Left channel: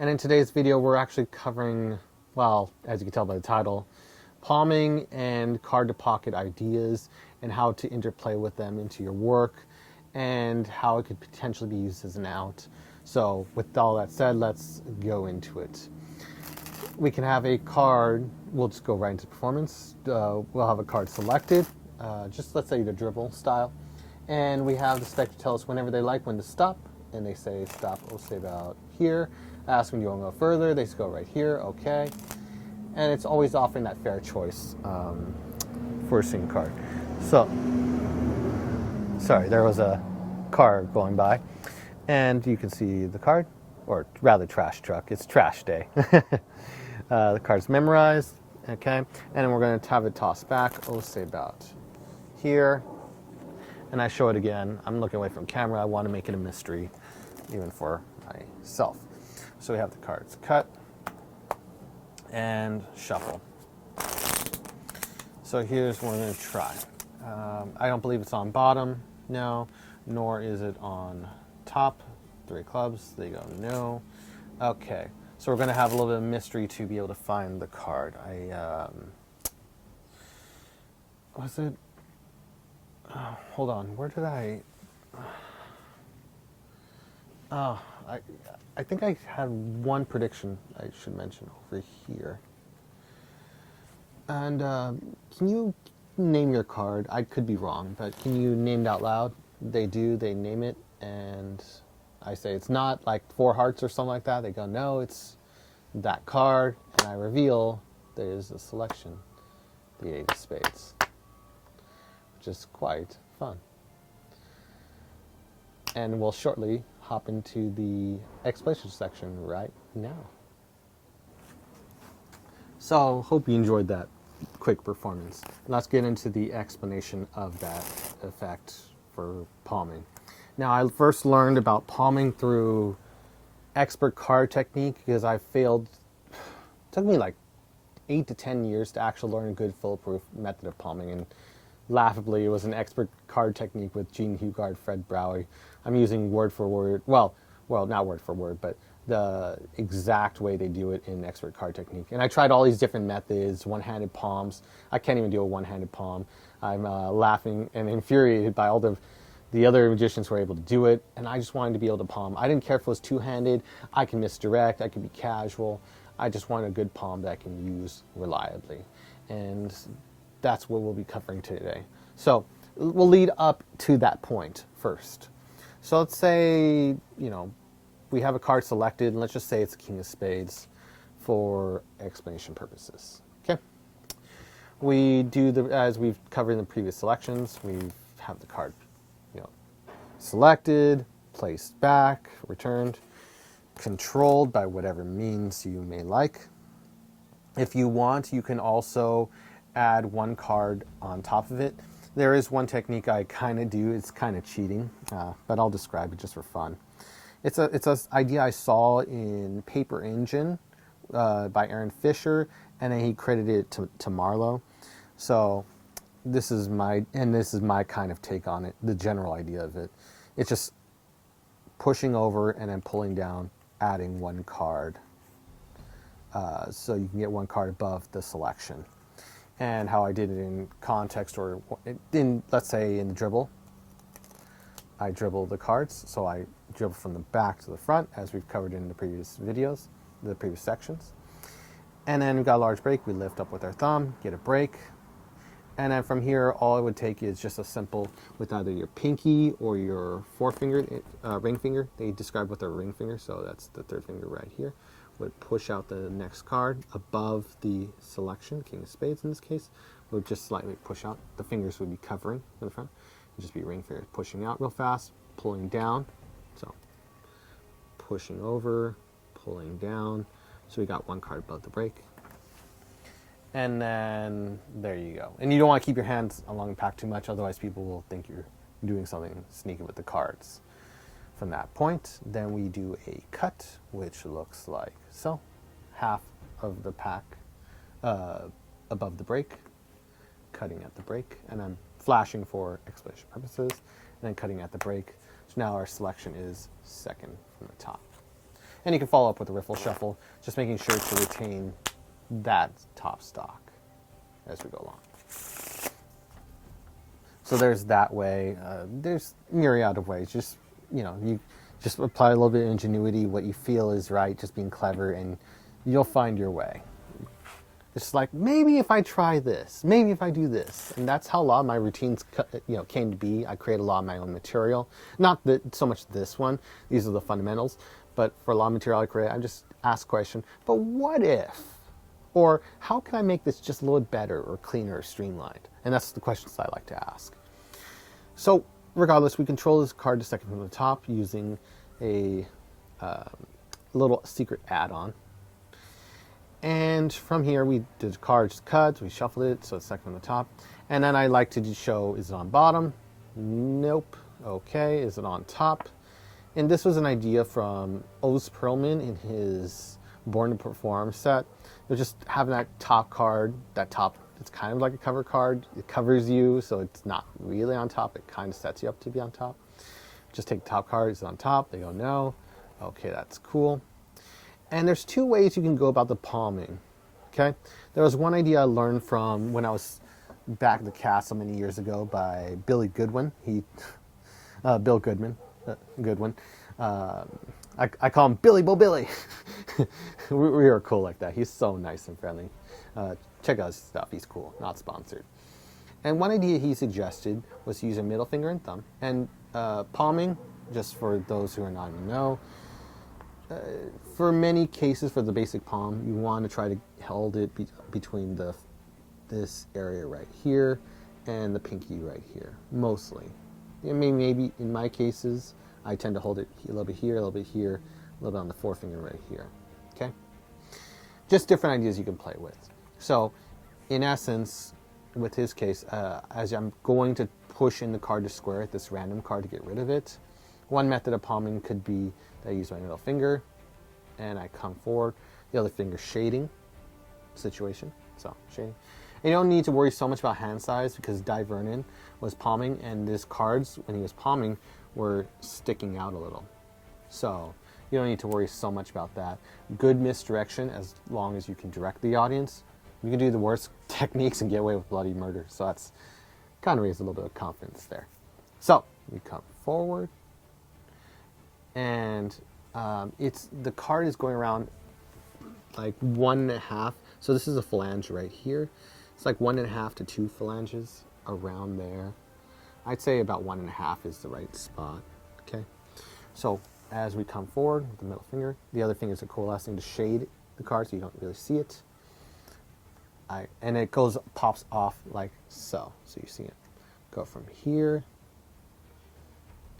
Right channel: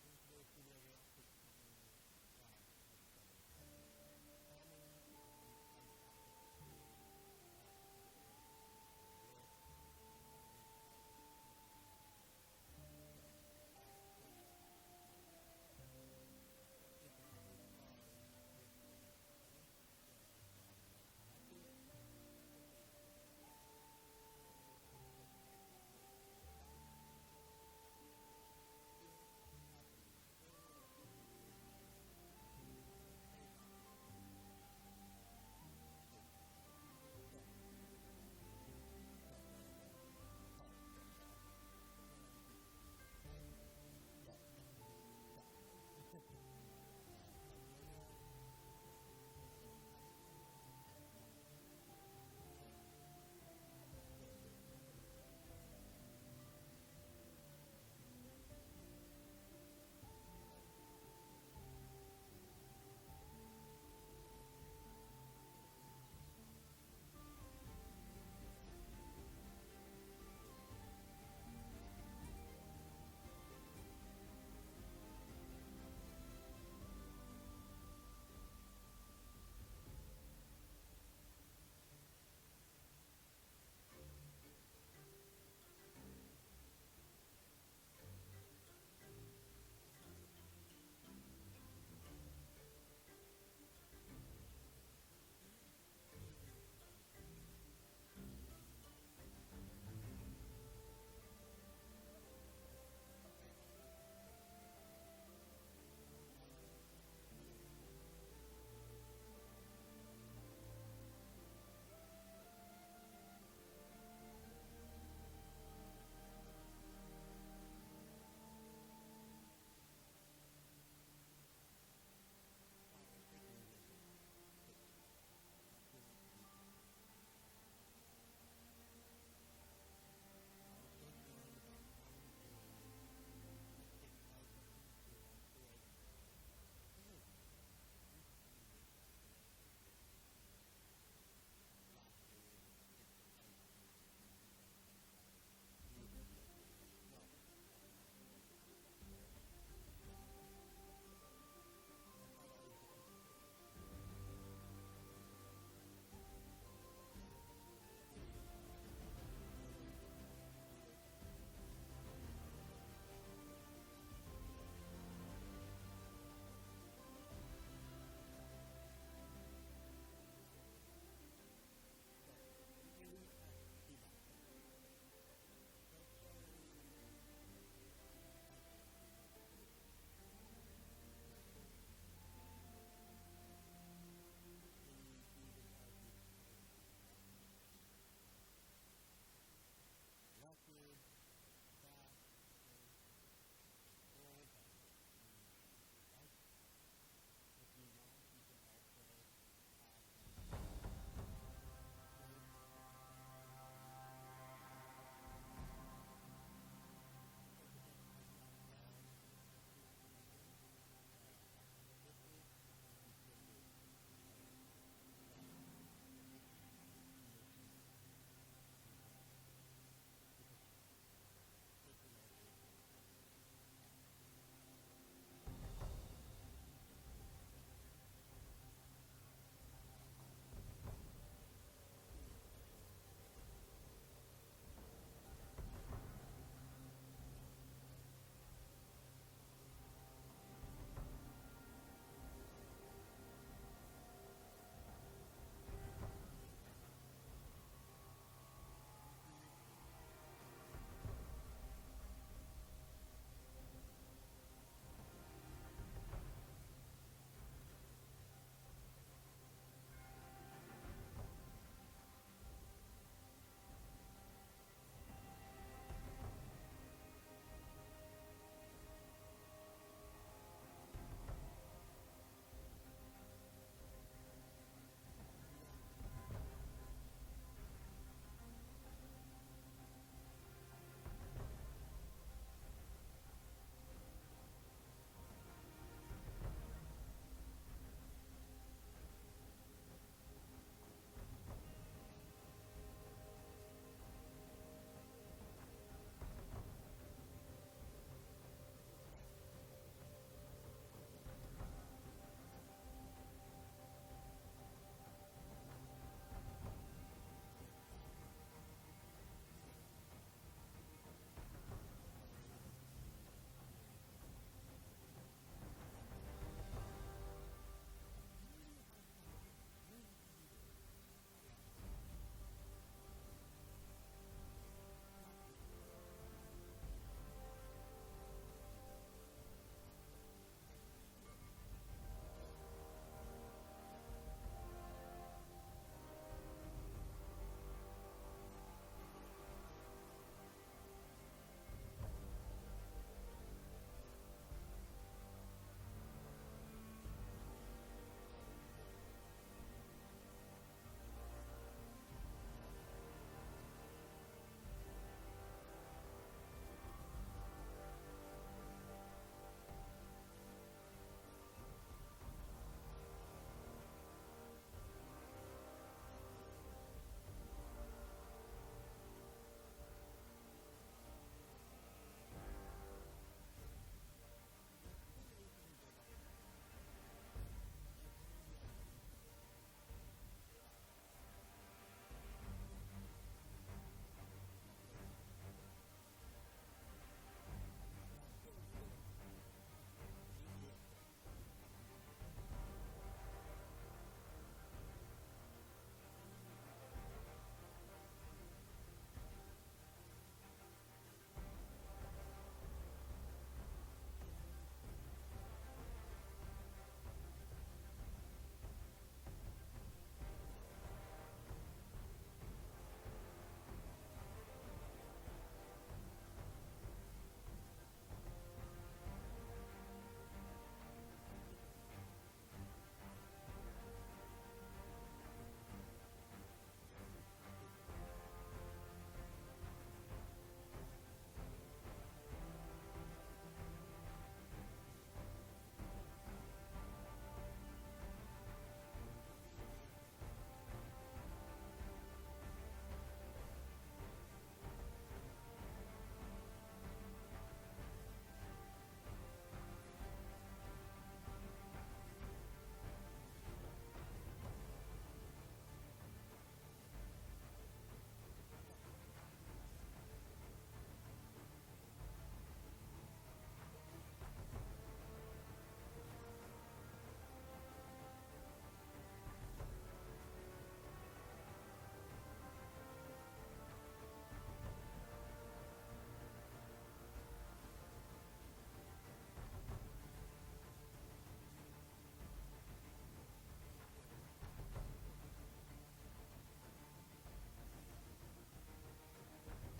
And in today's video, we're actually covering, well, as you can tell by the title, palming and card-to-pocket ideas and how to interplay with them into your work and how it could potentially be used as an out. So with all that said, let's go into it. We can have a card, we'll just go right into performance. We'll have a card selected, just let's say the dribble style. And we have the spec to tell us whenever they like when to stop. And they say stop, we'll say about here. Ask when you want to go further, they just go right here, okay. And it's always offering that fair choice for a single card. So, sorry, there was a car going by. And you can see the card, or rather trash truck, it's trash day. The card's memorized, okay. And then we're going to have it tossed back, oh, say about here. And I show it again. I'm looking away from camera. I want to make it a mystery, even for myself. So we have the cards cut and shuffle. So here's what we're going to try. I don't believe it's on bottom, no, nor is it on top. 3 clubs, they go no. Okay, so we're going to have a little bit of mystery to be able to find the card. Was it? Hold on, where did I? Oh, I think I had one prediction I should mention over here. And can you name your card? I could be wrong, but can you name it out loud? They do, they name it, and I say it's not like 4 hearts or something like that. They go, no, it's that card, and I reveal there is a selection, the 8 of spades, which is quite fun. And we'll shortly hop into the explanation section right now. So, hope you enjoyed that quick performance. Let's get into the explanation of that effect for palming. Now, I first learned about palming through expert card technique because I failed. It took me like 8 to 10 years to actually learn a good foolproof method of palming, and laughably, it was an expert card technique with Gene Hugard, Fred Browie. I'm using word for word, well, not word for word, but the exact way they do it in expert card technique. And I tried all these different methods, one-handed palms. I can't even do a one-handed palm. I'm laughing and infuriated by all the other magicians who were able to do it, and I just wanted to be able to palm. I didn't care if it was two-handed. I can misdirect. I could be casual. I just wanted a good palm that I can use reliably. And that's what we'll be covering today. So we'll lead up to that point first. So let's say, we have a card selected, and let's just say it's a king of spades for explanation purposes. Okay? We do as we've covered in the previous selections, we have the card, selected, placed back, returned, controlled by whatever means you may like. If you want, you can also add 1 card on top of it. There is one technique I kind of do. It's kind of cheating, but I'll describe it just for fun. It's an idea I saw in Paper Engine by Aaron Fisher, and then he credited it to Marlowe. So this is my kind of take on it, the general idea of it. It's just pushing over and then pulling down, adding 1 card. So you can get 1 card above the selection. And how I did it in context, or let's say in the dribble, I dribble the cards. So I dribble from the back to the front, as we've covered in the previous videos, the previous sections. And then we've got a large break. We lift up with our thumb, get a break. And then from here, all it would take is just a simple, with either your pinky or your forefinger, ring finger. They describe with their ring finger, so that's the 3rd finger right here. Would push out the next card above the selection, king of spades in this case, would just slightly push out. The fingers would be covering in the front. It'd just be ring fingers pushing out real fast, pulling down. So pushing over, pulling down. So we got 1 card above the break. And then there you go. And you don't want to keep your hands along the pack too much, otherwise people will think you're doing something sneaky with the cards. From that point, then we do a cut, which looks like so. Half of the pack above the break, cutting at the break, and then flashing for explanation purposes, and then cutting at the break. So now our selection is 2nd from the top. And you can follow up with a riffle shuffle, just making sure to retain that top stock as we go along. So there's that way. There's myriad of ways. Just, you just apply a little bit of ingenuity, what you feel is right, just being clever, and you'll find your way. It's like, maybe if I try this, maybe if I do this. And that's how a lot of my routines came to be. I create a lot of my own material. Not that so much this one. These are the fundamentals. But for a lot of material I create, I just ask a question, but what if? Or how can I make this just a little better or cleaner or streamlined? And that's the questions I like to ask. So regardless, we control this card to second from the top using a little secret add-on. And from here, we did the card just cuts, we shuffled it, so it's second from the top. And then I like to show, is it on bottom? Nope. Okay, is it on top? And this was an idea from Oz Perlman in his Born to Perform set. They're just having that top card, it's kind of like a cover card. It covers you, so it's not really on top. It kind of sets you up to be on top. Just take the top card, is it on top? They go, no. Okay, that's cool. And there's two ways you can go about the palming, okay? There was one idea I learned from when I was back at the castle many years ago by Billy Goodwin. Bill Goodman. Goodwin. I call him Billy Bo Billy. we are cool like that. He's so nice and friendly. Check out his stuff. He's cool. Not sponsored. And one idea he suggested was to use a middle finger and thumb. And palming, just for those who are not in the know, for many cases, for the basic palm, you want to try to hold it between this area right here and the pinky right here, mostly. I mean, maybe in my cases, I tend to hold it a little bit here, a little bit here, a little bit on the forefinger right here, okay? Just different ideas you can play with. So, in essence, with his case, as I'm going to push in the card to square it, this random card to get rid of it, one method of palming could be that I use my middle finger and I come forward, the other finger shading situation, so shading. And you don't need to worry so much about hand size because Di Vernon was palming and his cards, when he was palming, were sticking out a little. So you don't need to worry so much about that. Good misdirection, as long as you can direct the audience. You can do the worst techniques and get away with bloody murder. So that's kind of raises a little bit of confidence there. So you come forward, and the card is going around like 1.5. So this is a phalange right here. It's like 1.5 to 2 phalanges around there. I'd say about 1.5 is the right spot. Okay. So as we come forward with the middle finger, the other fingers are coalescing to shade the card so you don't really see it. And it pops off like so. So you see it go from here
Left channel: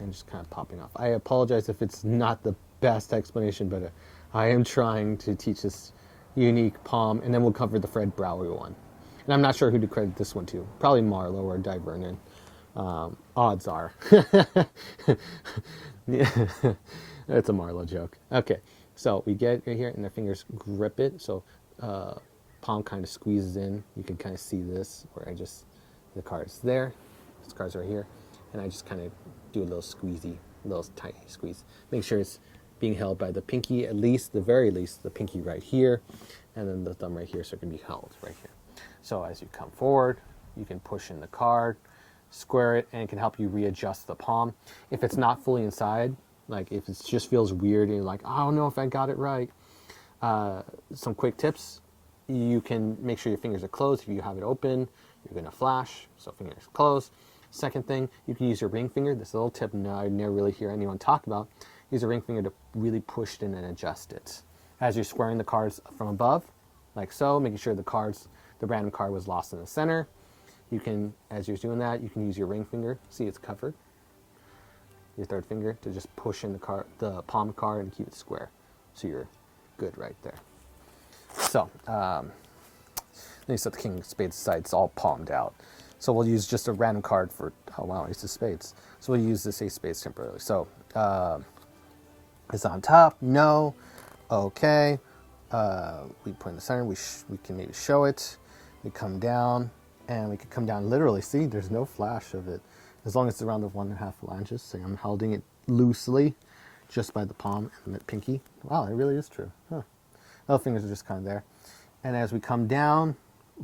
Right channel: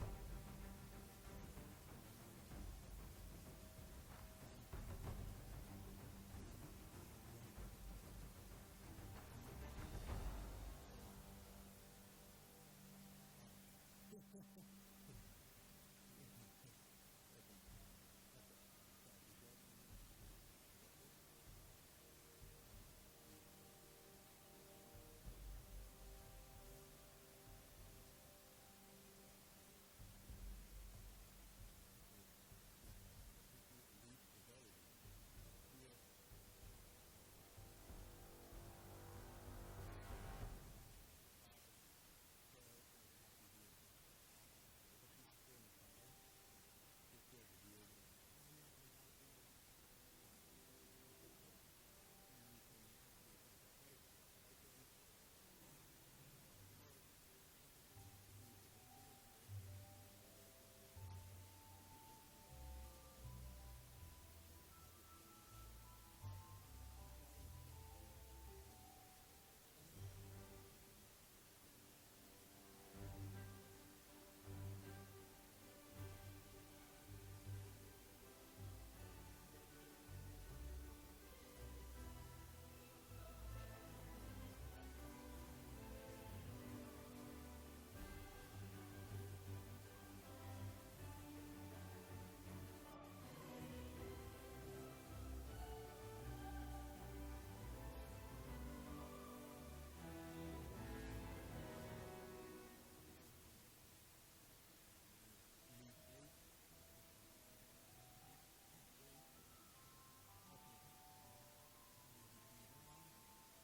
and just kind of popping off. I apologize if it's not the best explanation, but I am trying to teach this unique palm, and then we'll cover the Fred Brower one. And I'm not sure who to credit this one to. Probably Marlowe or Di Vernon. Odds are. It's a Marlowe joke. Okay, so we get right here, and the fingers grip it. So palm kind of squeezes in. You can kind of see this, where the card's there. This card's right here. And I just kind of do a little tiny squeeze. Make sure it's being held by the pinky, at least, the very least, the pinky right here, and then the thumb right here, so it can be held right here. So as you come forward, you can push in the card, square it, and it can help you readjust the palm. If it's not fully inside, like if it just feels weird and you're like, I don't know if I got it right, some quick tips. You can make sure your fingers are closed. If you have it open, you're going to flash, so fingers closed. Second thing, you can use your ring finger. This little tip I never really hear anyone talk about. Use your ring finger to really push it in and adjust it. As you're squaring the cards from above, like so, making sure the random card was lost in the center. You can, as you're doing that, you can use your ring finger. See, it's covered. Your third finger to just push in the palm card and keep it square. So you're good right there. So, then you set the king of spades aside. It's all palmed out. So we'll use just a random card for, oh wow, ace of spades. So we'll use this ace of spades temporarily. So, it's on top, no, okay. We put in the center, we can maybe show it. We come down, and we can come down literally. See, there's no flash of it. As long as it's around the 1.5 phalanges. So I'm holding it loosely, just by the palm and the pinky, Wow, it really is true. Huh. Other fingers are just kind of there. And as we come down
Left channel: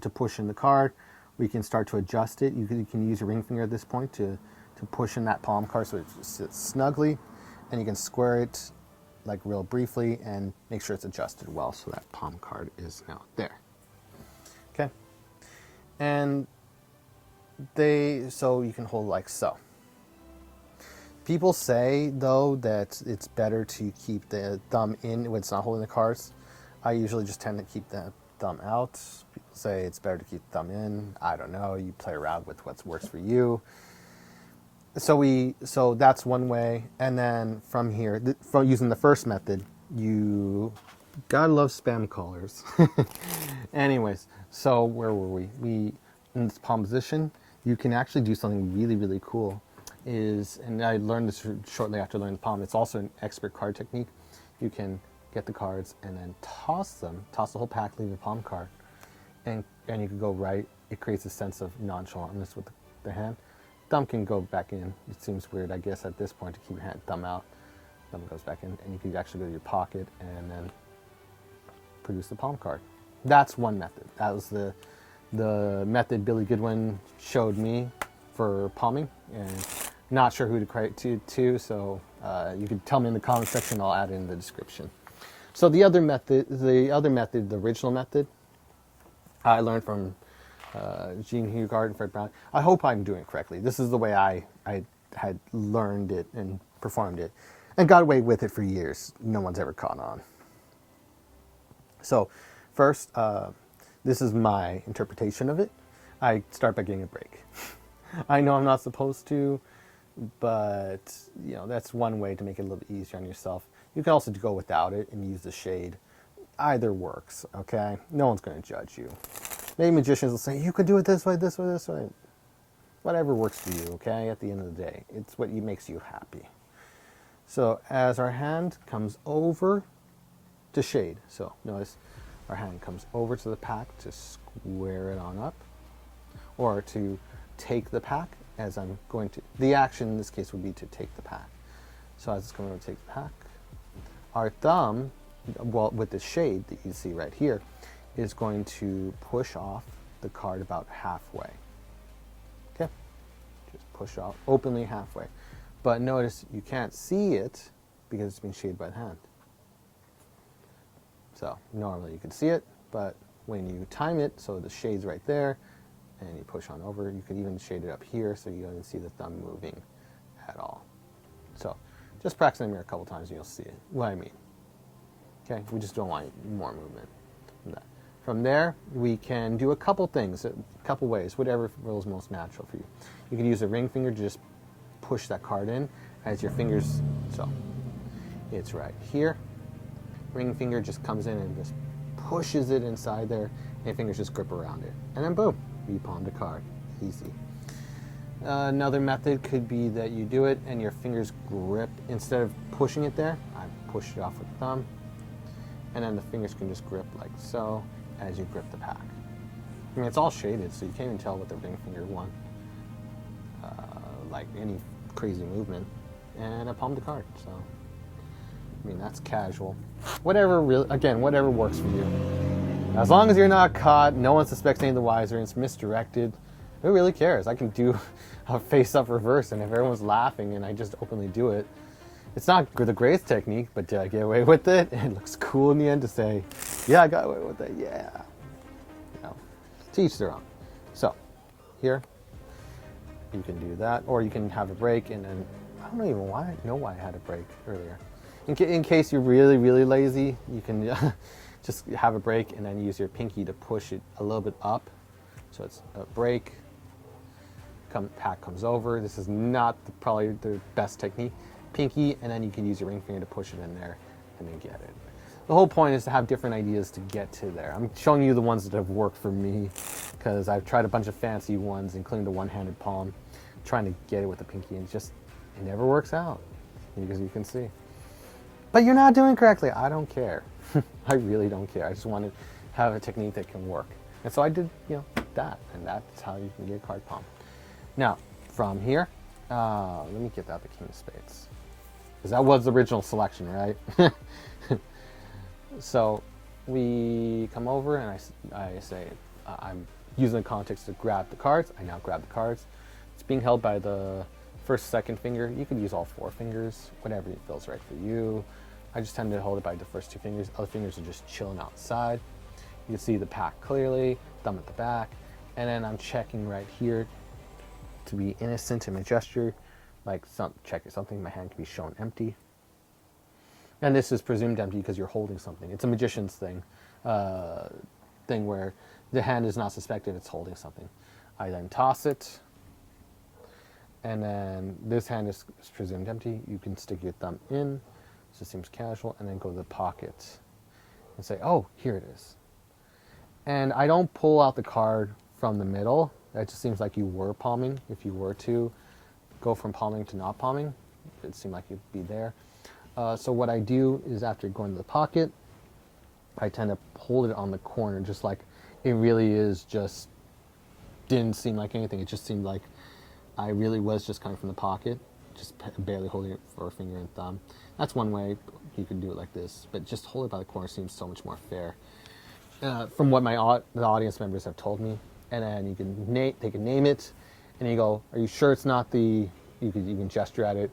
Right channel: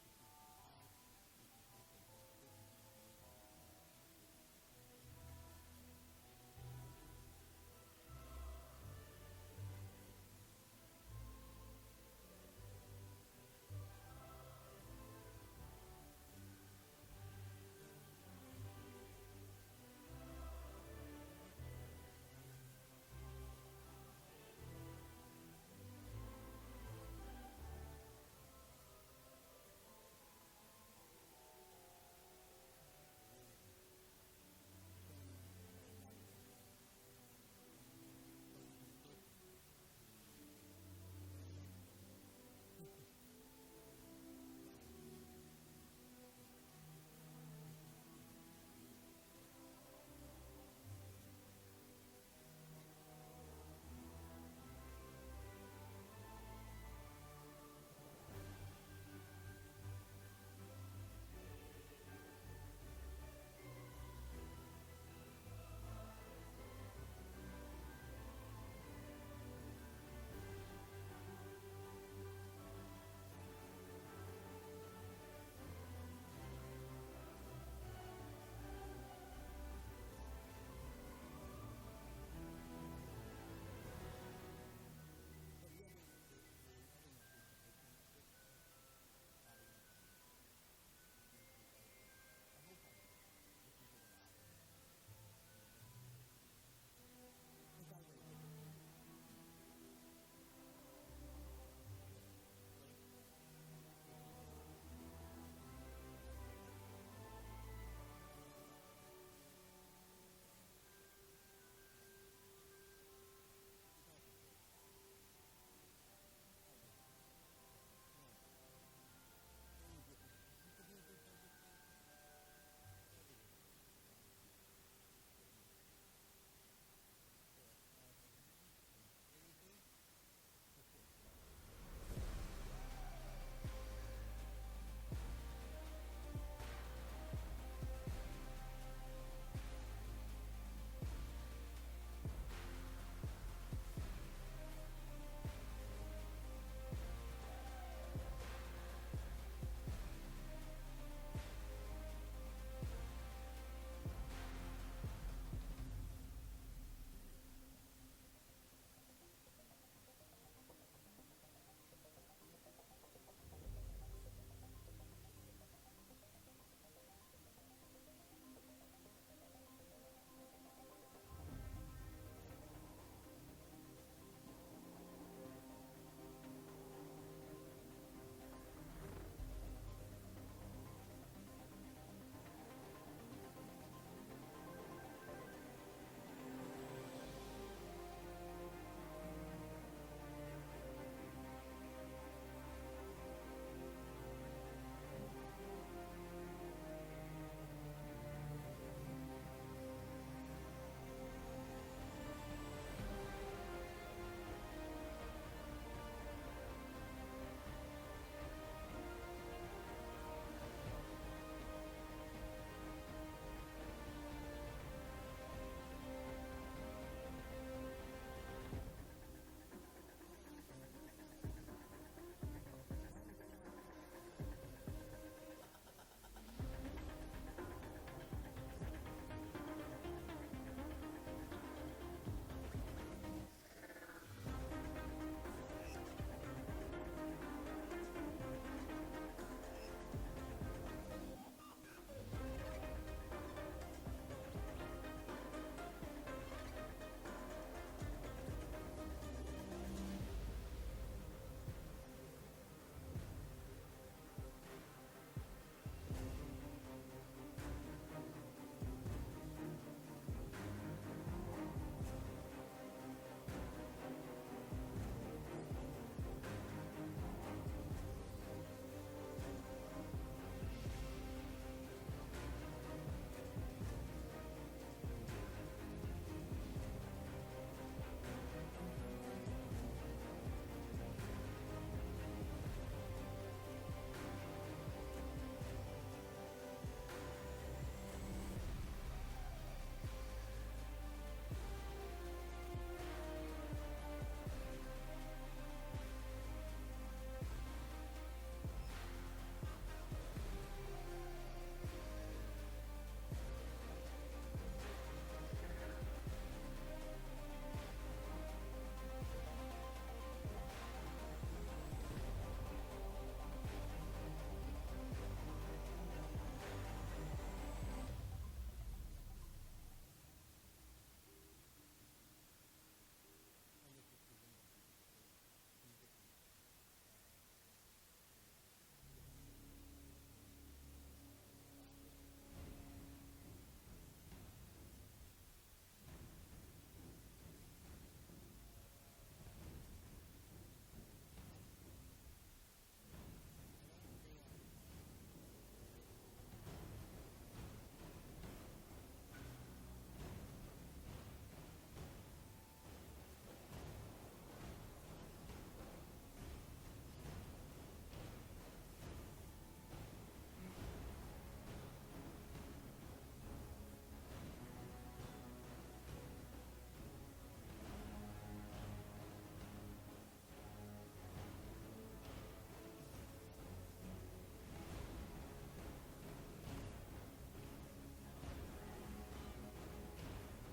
to push in the card, we can start to adjust it. You can use your ring finger at this point to push in that palm card so it sits snugly, and you can square it like real briefly and make sure it's adjusted well so that palm card is now there. Okay. And so you can hold like so. People say though that it's better to keep the thumb in when it's not holding the cards. I usually just tend to keep the thumb out. People say it's better to keep the thumb in. I don't know. You play around with what works for you. So that's one way. And then from here, from using the first method, you gotta love spam callers. Anyways, so where were we? In this palm position, you can actually do something really, really cool. And I learned this shortly after learning the palm. It's also an expert card technique. You can get the cards and then toss the whole pack, leave the palm card, and you can go right. It creates a sense of nonchalantness with the hand. Thumb can go back in. It seems weird, I guess, at this point to keep your thumb out. Thumb goes back in, and you can actually go to your pocket and then produce the palm card. That's one method. That was the method Billy Goodwin showed me for palming, and not sure who to credit to, so you can tell me in the comment section. I'll add it in the description. So the other method, the original method, I learned from Gene Hugard and Fred Brown. I hope I'm doing it correctly. This is the way I had learned it and performed it, and got away with it for years. No one's ever caught on. So first, this is my interpretation of it. I start by getting a break. I know I'm not supposed to, but that's one way to make it a little bit easier on yourself. You can also go without it and use the shade. Either works, okay? No one's going to judge you. Maybe magicians will say, you could do it this way, this way, this way. Whatever works for you, okay? At the end of the day, it's what makes you happy. So as our hand comes over to shade, so notice our hand comes over to the pack to square it on up, or to take the pack, as I'm going to. The action in this case would be to take the pack. So as it's going to take the pack, our thumb, well, with the shade that you see right here, is going to push off the card about halfway. Okay, just push off openly halfway. But notice you can't see it because it's being shaded by the hand. So normally you can see it, but when you time it, so the shade's right there, and you push on over, you could even shade it up here so you don't even see the thumb moving at all. So just practice in the mirror a couple times and you'll see it, what I mean. Okay, we just don't want more movement from that. From there, we can do a couple things, a couple ways, whatever feels most natural for you. You can use a ring finger to just push that card in as your fingers, so it's right here. Ring finger just comes in and just pushes it inside there, and your fingers just grip around it. And then boom, you palmed a card. Easy. Another method could be that you do it and your fingers grip, instead of pushing it there, I push it off with the thumb, and then the fingers can just grip like so as you grip the pack. I mean, it's all shaded, so you can't even tell what the ring finger won, like any crazy movement, and I palmed the card. So, I mean, that's casual. Whatever works for you. As long as you're not caught, no one suspects any the wiser, and it's misdirected, who really cares? I can do a face-up reverse, and if everyone's laughing and I just openly do it, it's not the greatest technique, but did I get away with it? It looks cool in the end to say, yeah, I got away with it, yeah. To each their own. So, here, you can do that, or you can have a break, and then, I don't even know why I had a break earlier. In case you're really, really lazy, you can just have a break and then use your pinky to push it a little bit up. So it's a break, pack comes over. This is not probably the best technique. Pinky, and then you can use your ring finger to push it in there and then get it. The whole point is to have different ideas to get to there. I'm showing you the ones that have worked for me because I've tried a bunch of fancy ones, including the one-handed palm, trying to get it with the pinky, and it never works out, because you can see. But you're not doing it correctly. I don't care. I really don't care. I just want to have a technique that can work. And so I did, that, and that's how you can get a card palm. Now, from here, let me get out the king of spades, because that was the original selection, right? So we come over and I say, I'm using the context to grab the cards. I now grab the cards. It's being held by the first, second finger. You could use all 4 fingers, whatever feels right for you. I just tend to hold it by the first 2 fingers. Other fingers are just chilling outside. You can see the pack clearly, thumb at the back. And then I'm checking right here to be innocent in my gesture. Like checking something, my hand can be shown empty. And this is presumed empty because you're holding something. It's a magician's thing where the hand is not suspected it's holding something. I then toss it, and then this hand is presumed empty. You can stick your thumb in, just seems casual, and then go to the pocket and say, oh, here it is. And I don't pull out the card from the middle. That just seems like you were palming. If you were to go from palming to not palming, it seemed like you'd be there. So what I do is after going to the pocket, I tend to hold it on the corner, just like it really is just, didn't seem like anything. It just seemed like I really was just coming from the pocket, just barely holding it for a finger and thumb. That's one way you can do it like this, but just hold it by the corner seems so much more fair. From what the audience members have told me. And then you can they can name it, and you go, are you sure it's not the, you can gesture at it,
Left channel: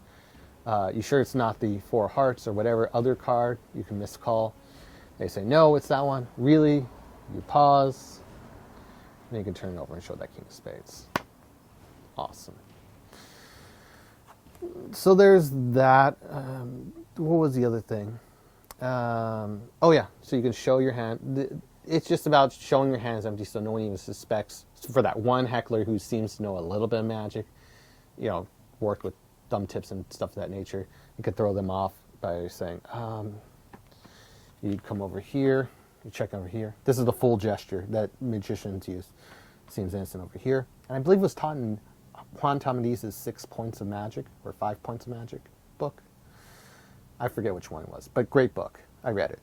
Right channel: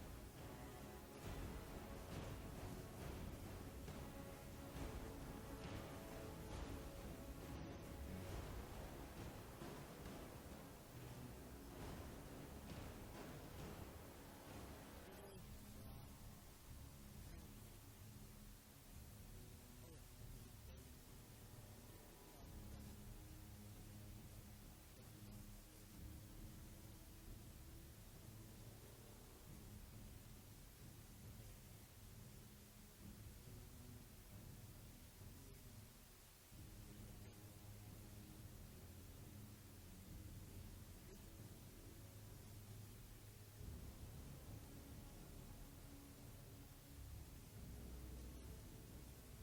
you sure it's not the 4 hearts or whatever other card you can miscall? They say, no, it's that one. Really? You pause, and you can turn it over and show that king of spades. Awesome. So there's that. What was the other thing? Oh yeah, so you can show your hand. It's just about showing your hands empty so no one even suspects. For that one heckler who seems to know a little bit of magic, worked with thumb tips and stuff of that nature, you could throw them off by saying, you come over here, you check over here. This is the full gesture that magicians use. Seems innocent over here. And I believe it was taught in Juan Tamadiz's 6 Points of Magic, or 5 Points of Magic book. I forget which one it was, but great book. I read it.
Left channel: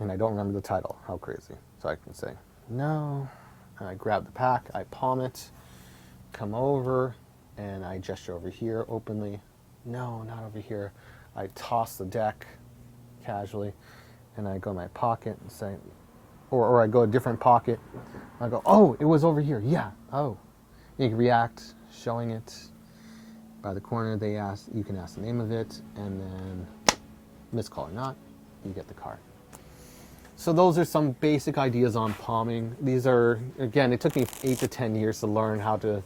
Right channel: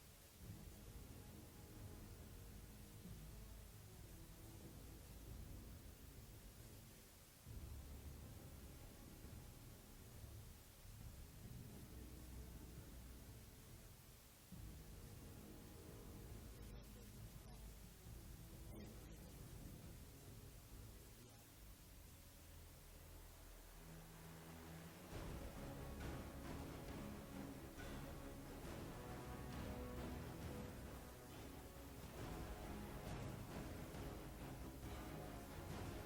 And I don't remember the title. How crazy. So I can say, no. And I grab the pack, I palm it, come over, and I gesture over here openly. No, not over here. I toss the deck casually, and I go in my pocket and say, or I go a different pocket. I go, oh, it was over here. Yeah, oh. And you can react, showing it by the corner. You can ask the name of it, and then miscall or not, you get the card. So those are some basic ideas on palming. These are, again, it took me 8 to 10 years to learn how to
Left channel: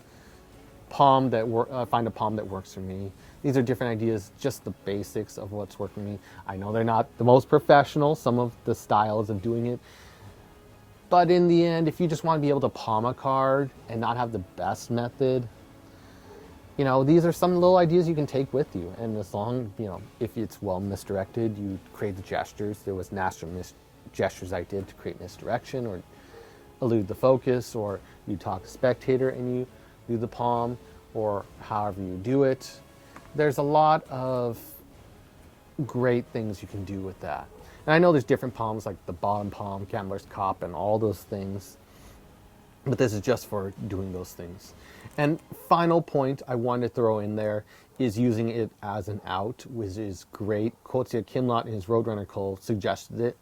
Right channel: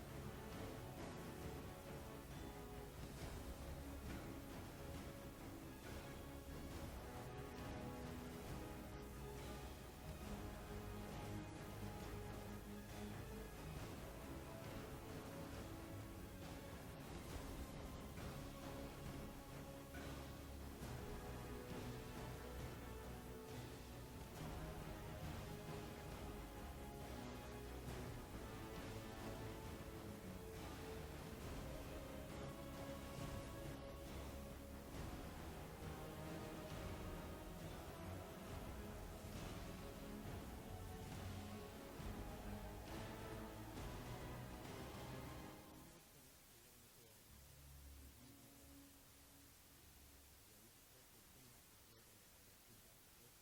find a palm that works for me. These are different ideas, just the basics of what's working for me. I know they're not the most professional, some of the styles of doing it, but in the end, if you just want to be able to palm a card and not have the best method, these are some little ideas you can take with you. And as long, if it's well misdirected, you create the gestures. There was natural gestures I did to create misdirection or elude the focus, or you talk to spectator and you do the palm, or however you do it. There's a lot of great things you can do with that. And I know there's different palms, like the bottom palm, gambler's cop, and all those things, but this is just for doing those things. And final point I wanted to throw in there is using it as an out, which is great. Kotsia Kimlot in his Roadrunner Call suggested it.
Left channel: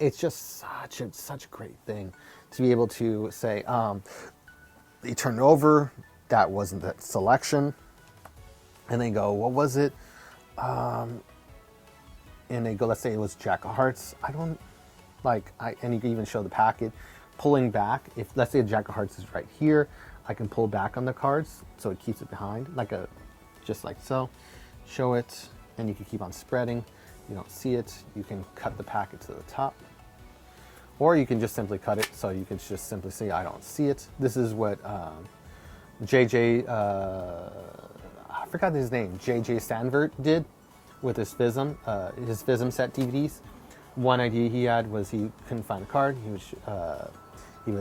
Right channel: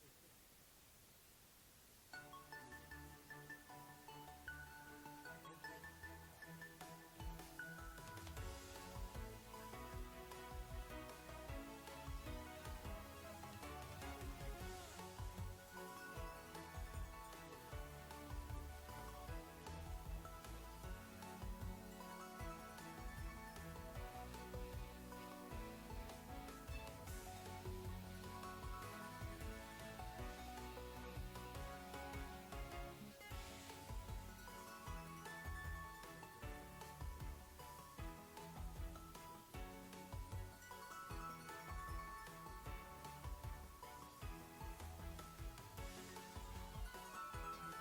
It's just such a great thing to be able to say, you turn it over, that wasn't the selection, and they go, what was it? And they go, let's say it was Jack of Hearts. And you can even show the packet pulling back. If let's say a Jack of Hearts is right here, I can pull back on the cards so it keeps it behind, just like so. Show it, and you can keep on spreading. You don't see it, you can cut the packet to the top. Or you can just simply cut it, so you can just simply say, I don't see it. This is what JJ, I forgot his name, JJ Sandvert did with his FISM set DVDs. One idea he had was he couldn't find a card. He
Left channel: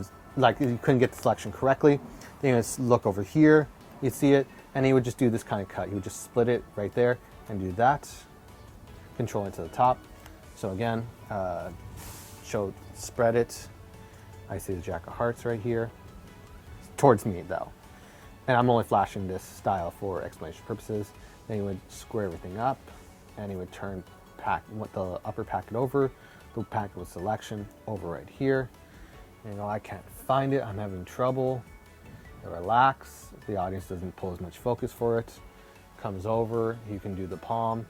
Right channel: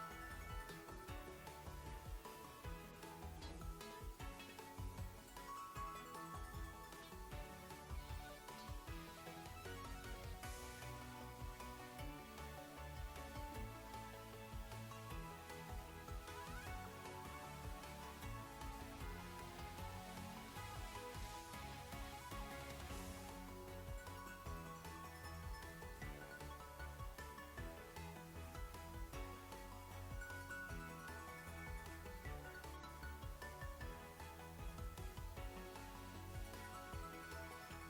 couldn't get the selection correctly. Then he would look over here, you'd see it, and he would just do this kind of cut. He would just split it right there and do that. Control it to the top. So again, spread it. I see the Jack of Hearts right here. Towards me though. And I'm only flashing this style for explanation purposes. Then he would square everything up, and he would turn the upper packet over, the pack with selection over right here. You know, I can't find it, I'm having trouble. Relax, the audience doesn't pull as much focus for it. Comes over, you can do the palm,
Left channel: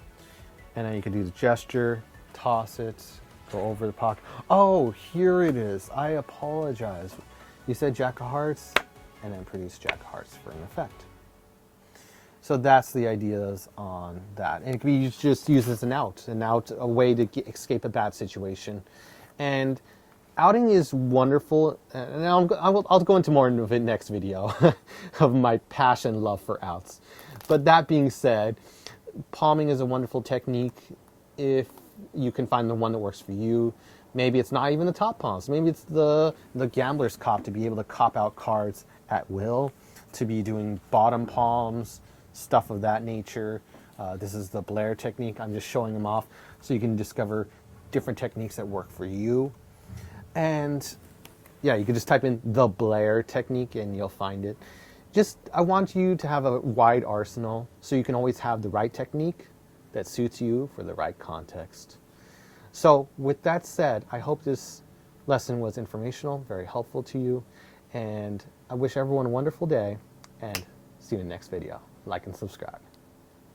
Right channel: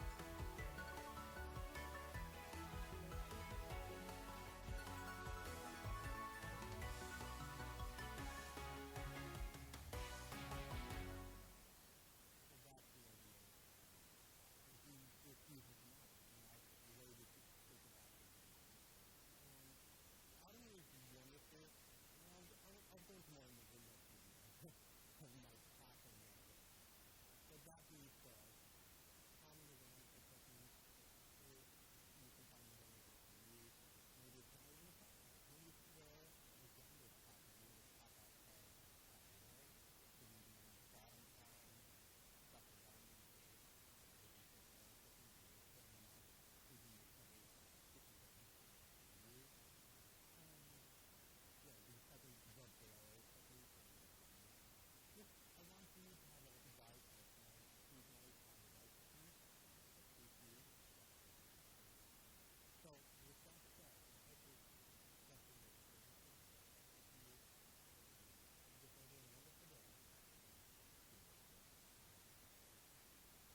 and then you can do the gesture, toss it, go over the pocket. Oh, here it is. I apologize. You said Jack of Hearts, and then produce Jack of Hearts for an effect. So that's the ideas on that. And it can be just used as an out, a way to escape a bad situation. And outing is wonderful, and I'll go into more of it next video of my passion and love for outs. But that being said, palming is a wonderful technique if you can find the one that works for you. Maybe it's not even the top palms. Maybe it's the gambler's cop, to be able to cop out cards at will, to be doing bottom palms, stuff of that nature. This is the Blair technique. I'm just showing them off so you can discover different techniques that work for you. And yeah, you can just type in the Blair technique and you'll find it. I want you to have a wide arsenal so you can always have the right technique that suits you for the right context. So with that said, I hope this lesson was informational, very helpful to you, and I wish everyone a wonderful day, and see you in the next video. Like and subscribe.